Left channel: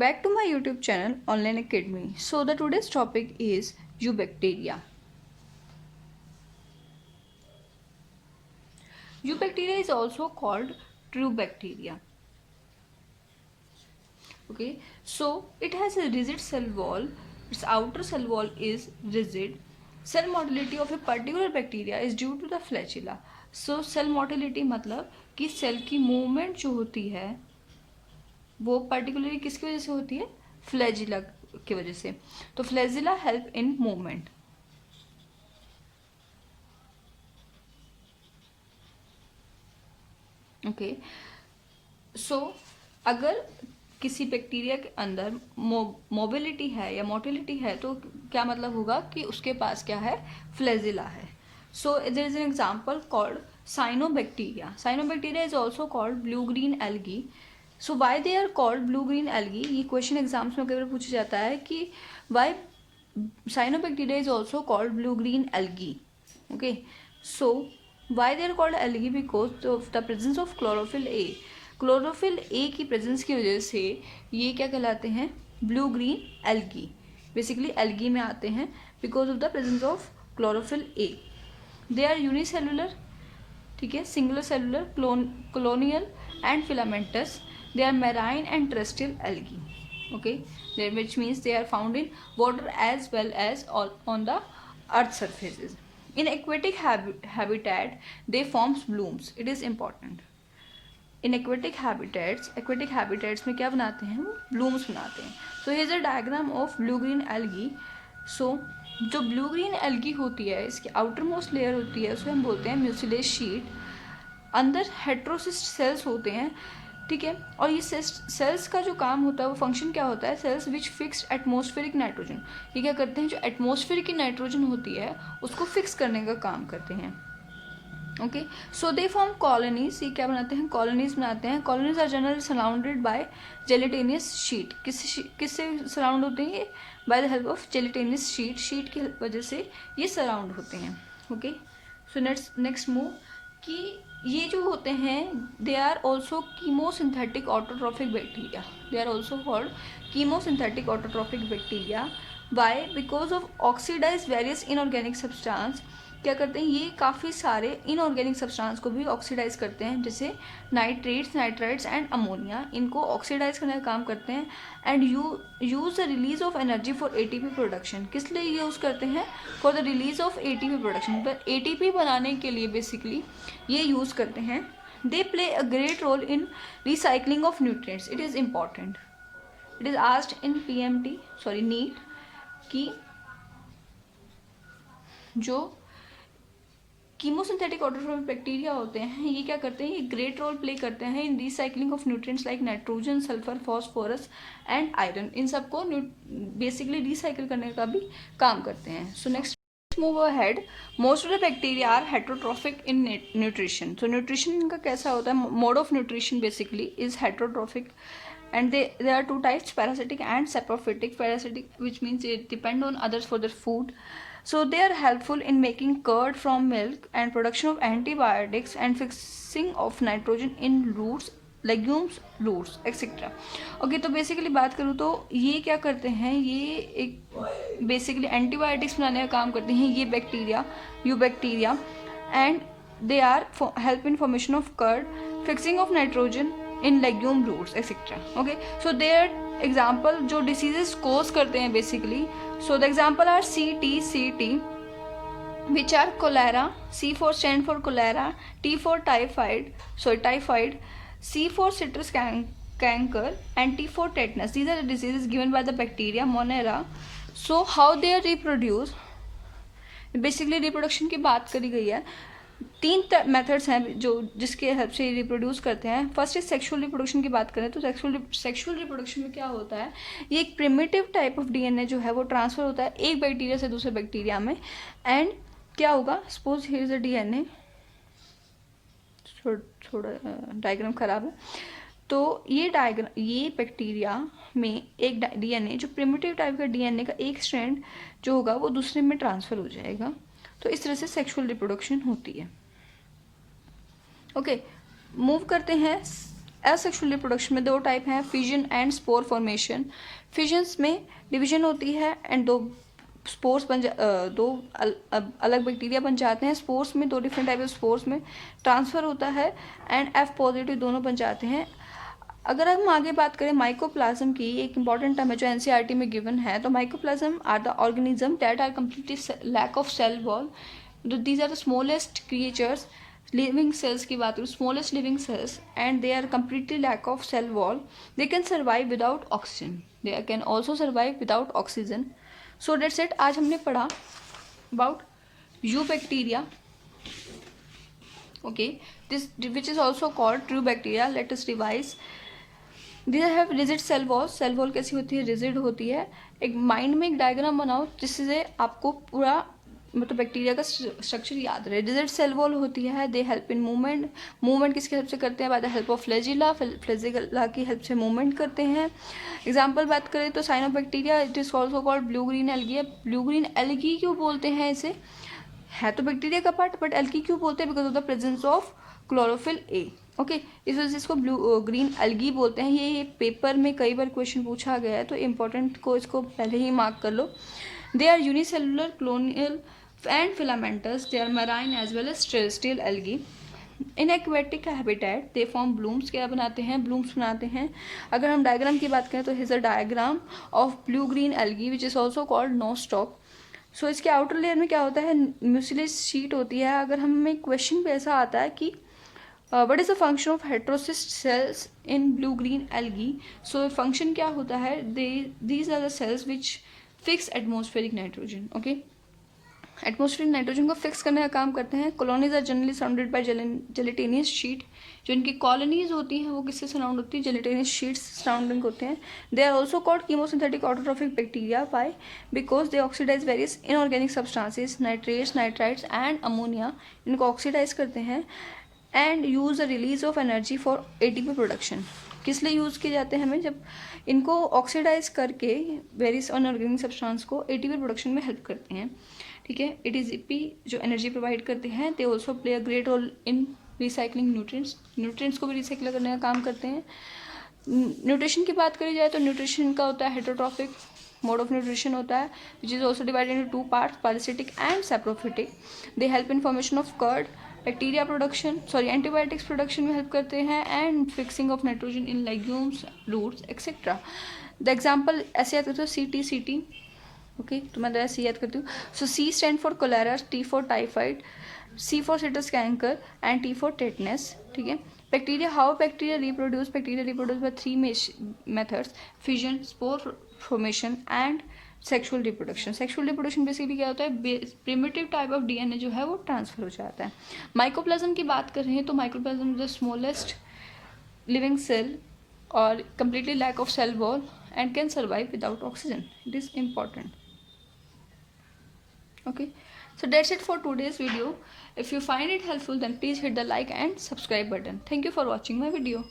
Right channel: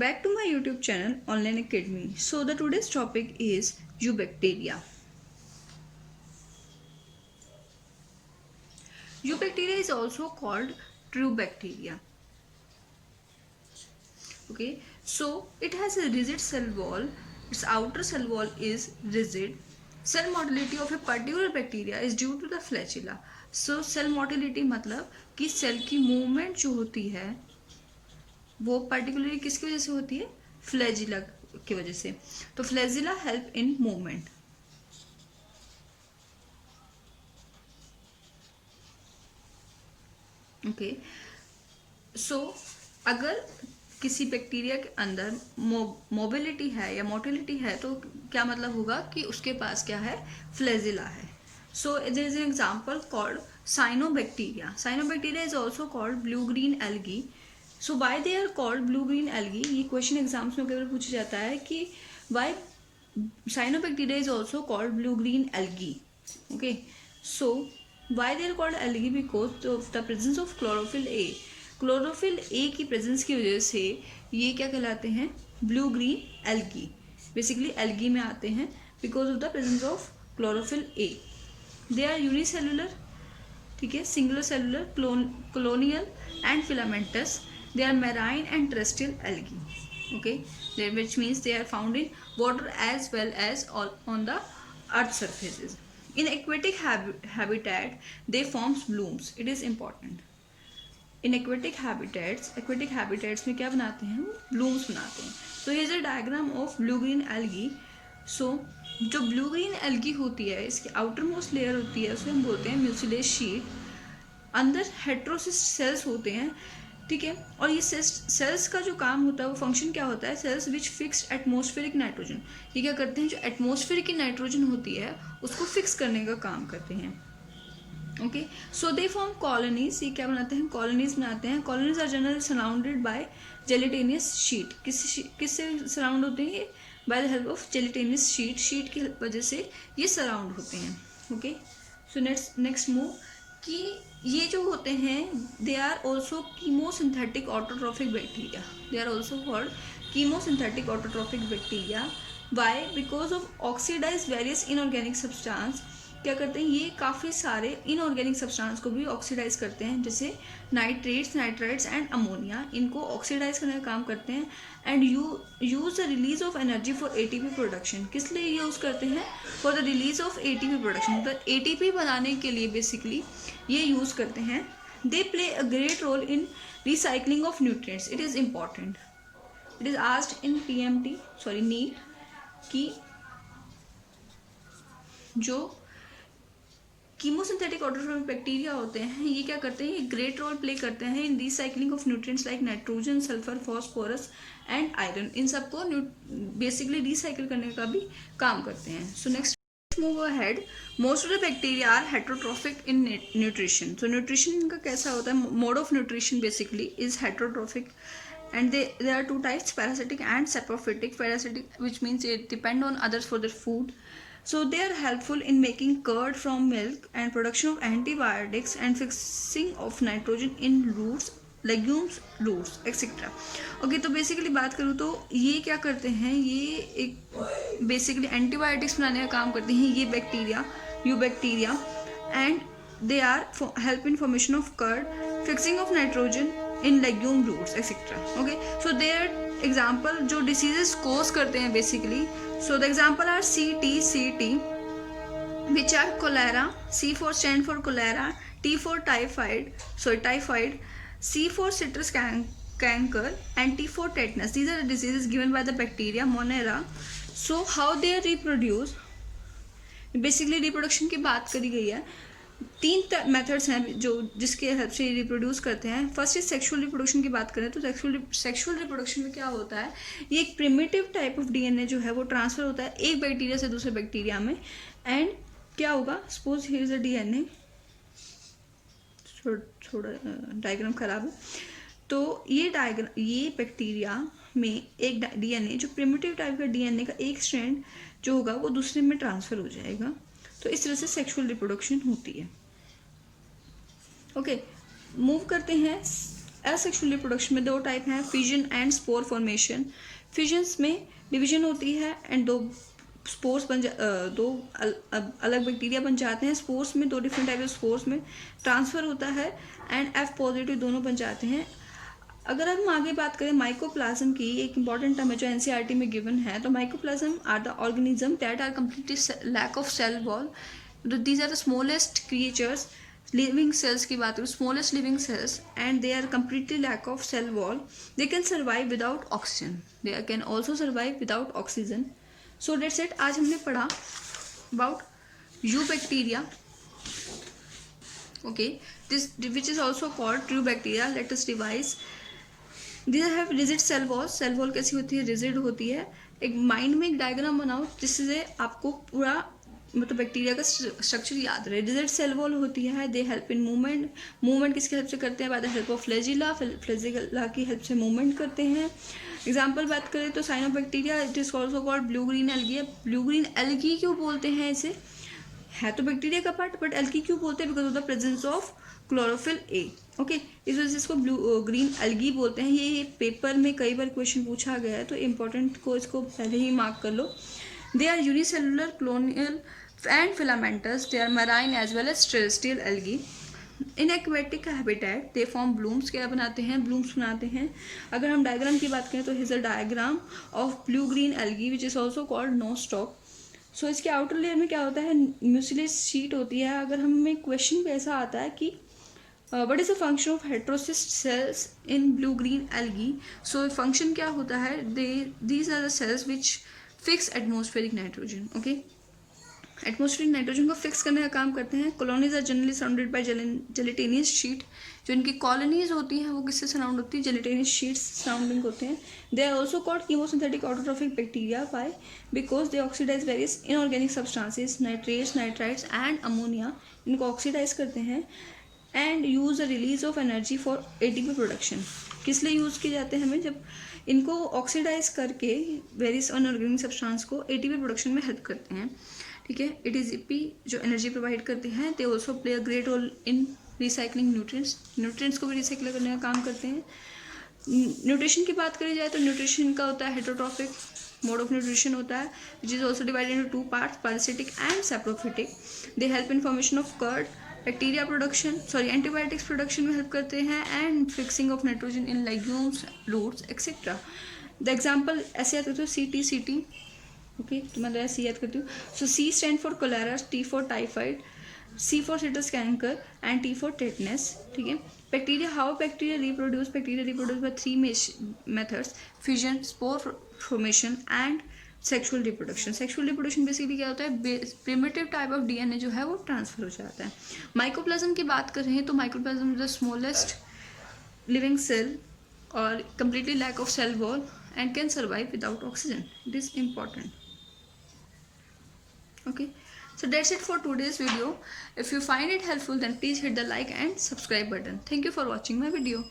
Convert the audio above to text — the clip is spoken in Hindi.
Back to my YouTube channel Online Academy. So the today's topic is eubacteria. Eubacteria is also called true bacteria. Okay, so it has a rigid cell wall. Its outer cell wall is rigid. Cell motility of a particular bacteria is due to the flagella. So cell motility मतलब कि सेल की मूवमेंट जो होती है वो पर्टिकुलरली किसकी वजह से होती है, फ्लैजिला की वजह से. तो flagella help in movement. Okay, so अगर किसी बैक्टीरिया के अंदर मोबिलिटी है या मोटिलिटी है तो क्या मतलब होगा कि उसके पास क्या है, फ्लैजिला है. So there is an example called cyanobacteria. Cyanobacteria is also called blue green algae. So why they are called blue green algae, ये क्वेश्चन एग्जाम्स में कई बार पूछा जाता है कि why cyanobacteria is also called blue green algae. Okay, so why they are called algae because of the presence of chlorophyll A. Chlorophyll A की प्रेजेंस की वजह से ये क्या कहलाते हैं, blue green algae. Basically algae में आते हैं because of the presence of chlorophyll A. They are unicellular, ठीक है, singular cellular, colonial and filamentous. They are marine and terrestrial algae. Okay, which means they are found in water as well as on the earth surfaces. In aquatic habitat they forms blooms. It is important. In aquatic habitats में क्या बनाते हैं, blooms बनाते हैं. So here is a diagram of blue green algae. So जो ब्लू ग्रीन एल्गी होती है इसकी आउटर मोस्ट लेयर होती है उसको हम बोलते हैं म्यूसिलेज शीट. अंदर हेट्रोसिस्ट सेल्स होते हैं, ठीक है. और ये सेल्स का जो काम होता है वो फंक्शन क्या होता है, cells which fixed atmospheric nitrogen. ये क्या करते हैं, जो एटमॉस्फेयर की नाइट्रोजन होती है उसको फिक्स करने का काम करते हैं. Okay, so they form colonies. ये क्या बनाते हैं, कॉलोनीज बनाते हैं. Colonies are generally surrounded by gelatinous sheet. किससे सराउंड होते हैं, ये by the help of gelatinous sheet की वजह से ये सराउंड होते हैं. ओके, सो नेक्स्ट मूव कि ये जो होते हैं they are also chemosynthetic autotrophic bacteria. They are also called chemosynthetic autotrophic bacteria. Why, because of oxidise various inorganic substance. क्या करते हैं, ये काफ़ी सारे इनऑर्गेनिक सब्सटेंस को भी ऑक्सीडाइज करते हैं, जैसे नाइट्रेट्स, नाइट्राइट्स एंड अमोनिया. इनको ऑक्सीडाइज करने का काम करते हैं. And use the release of energy for ATP production. किस लिए यूज़ करते हैं, for the release of ATP production. तो एटीपी बनाने के लिए बेसिकली ये यूज़ करते हैं. They play a great role in recycling of nutrients. It is important. It is asked in NEET कि जो कीमोसिंथेटिक ऑटोट्रॉफिक बैक्टीरिया होते हैं ये क्या करते हैं, ये ग्रेट रोल प्ले करते हैं in recycling of nutrients like nitrogen, sulphur, phosphorus and iron. इन सबको बेसिकली रिसाइकिल करने का भी काम करते हैं. So next move ahead. Most of the bacteria are heterotrophic in nutrition. तो न्यूट्रिशन इनका कैसा होता है, mode of nutrition basically is heterotrophic. And there are two types, parasitic and saprophytic. Parasitic, which means they depend on others for their food. So they are helpful in making curd from milk and production of antibiotics and fixing of nitrogen in roots, legumes, roots, etc. Okay, तो बेसिकली बात करूँ तो ये क्या करते हैं, ये एक बेसिकली एंटीबायोटिक्स बनाने का काम करते हैं ये bacteria, eubacteria. And they are help in formation of curd, fixing of nitrogen in legume roots etcetera. Okay, so their example जो डिसीजेस कोज करते हैं basically. So the example are CT which are cholera. C stand for cholera, T for typhoid, C for citrus canker and T for tetanus. These are the diseases given by the bacteria Monera. So how they are reproduce, basically reproduction की बात करी गई है. 3 मेथड्स हैं जो जिसके हेल्प से रिप्रोड्यूस करते हैं. फर्स्ट इज सेक्सुअल रिप्रोडक्शन की बात करें तो सेक्सुअल रिप्रोडक्शन में क्या होता है, ये एक प्रिमिटिव टाइप ऑफ DNA जो है वो ट्रांसफर होता है एक बैक्टीरिया से दूसरे बैक्टीरिया में. एंड क्या होगा, suppose here is a DNA, थोड़ा डायग्राम खराब है. तो ये बैक्टीरिया में एक DNA जो प्रिमिटिव टाइप का DNA का एक स्ट्रैंड जो होगा वो दूसरे में ट्रांसफर हो जाएगा. तो इस तरह से सेक्सुअल रिप्रोडक्शन होती है. ओके, मूव करते हैं एसेक्सुअल रिप्रोडक्शन में 2 टाइप हैं, फिजन एंड स्पोर फॉर्मेशन। फिजन्स में डिवीजन होती है एंड दो अलग बैक्टीरिया बन जाते हैं। स्पोर्स में 2 डिफरेंट टाइप ऑफ स्पोर्स में ट्रांसफ़र होता है एंड F पॉजिटिव दोनों बन जाते हैं। अगर हम आगे बात करें माइकोप्लाज्म की, एक इंपॉर्टेंट टर्म है जो एनसीईआरटी में गिवन है, तो mycoplasma are the organism that are completely lack of cell wall. These are the smallest creatures, living cells की बात करें, smallest living cells, and they are completely lack of cell wall. They can survive without oxygen, they can also survive without oxygen. So that's it. आज हमने पढ़ा about eubacteria, okay, this which is also called true bacteria. Let us revise. These have rigid cell wall. Cell wall कैसी होती है? रिजिड होती है। एक माइंड में एक डायग्राम बनाओ जिससे आपको पूरा मतलब बैक्टीरिया का स्ट्रक्चर याद रहे। रिजिड सेल वॉल होती है, दे हेल्प इन मूवमेंट। मूवमेंट किसकी हेल्प से करते हैं? Bye the help of flagella. Flagella की हेल्प से मूवमेंट करते हैं। एग्जाम्पल बात करें तो cyanobacteria, it is also called blue green algae. Blue green algae क्यों बोलते हैं इसे? है तो बैक्टीरिया का पार्ट, बट एल्गी क्यों बोलते हैं? Because of the presence of chlorophyll A. Okay, इस वजह से इसको ब्लू ग्रीन एल्गी बोलते हैं। ये पेपर में कई बार क्वेश्चन पूछा गया है, तो इम्पोर्टेंट को इसको पहले ही मार्क कर लो। They are unicellular, colonial and filamentous. They are marine as well as terrestrial algae. In aquatic habitat they form blooms. क्या बनाते हैं? ब्लूम्स बनाते हैं। अगर हम डायग्राम की बात करें तो his a diagram of blue green algae which is also called nostoc. So इसके आउटर लेयर में क्या होता है? म्यूसिलेज शीट होती है। अगर हमें क्वेश्चन पे ऐसा आता है कि what is the function of heterocyst cells in blue green algae, so function क्या होता है? These are the cells which fix atmospheric nitrogen. Okay, atmospheric nitrogen को फिक्स करने का काम करते हैं। Colonies are generally surrounded by gelatinous sheet. जो इनकी कॉलोनीज होती हैं वो किससे सराउंड होती है? जेलेटिनियस शीट्स सराउंडिंग होते हैं। They are also called chemosynthetic autotrophic bacteria. By because they oxidise various inorganic substances, nitrates, nitrites and ammonia. इनको ऑक्सीडाइज करते हैं and use the release of energy for ATP production. किस लिए यूज़ किए जाते हैं हमें? जब इनको ऑक्सीडाइज करके वेरियस अनऑर्गेनिक सब्सटेंस को एटीपी प्रोडक्शन में हेल्प करते हैं। ठीक है, एटीपी जो एनर्जी प्रोवाइड करते हैं, they also play a great role in recycling nutrients. Nutrients को भी रिसाइकिल करने का काम करते हैं। न्यूट्रिशन की बात करी जाए तो न्यूट्रिशन का होता है हेटेरोट्रॉफिक मोड ऑफ न्यूट्रिशन होता है, which is also divided into 2 parts, parasitic and saprophytic. They help in formation of curd, bacteria production, antibiotics production में हेल्प करते हैं and fixing of nitrogen in legumes, roots etcetera. The example ऐसे याद करते हो, CT। ओके, तो मैं ऐसे याद करती हूँ। So C stand for cholera, T for typhoid, C for citrus canker and T for tetanus. ठीक है, bacteria, how bacteria reproduce? Bacteria reproduce by 3 methods, fission, spore formation and sexual reproduction. Sexual reproduction basically क्या होता है? प्रिमिटिव टाइप ऑफ DNA जो है वो ट्रांसफर हो जाता है। माइकोप्लाज्म की बात कर रहे हैं तो mycoplasma is the smallest living cell और completely lack of cell wall and can survive without oxygen. It is important. Okay, so that's it for today's video. If you find it helpful, then please hit the like and subscribe button. Thank you for watching my video.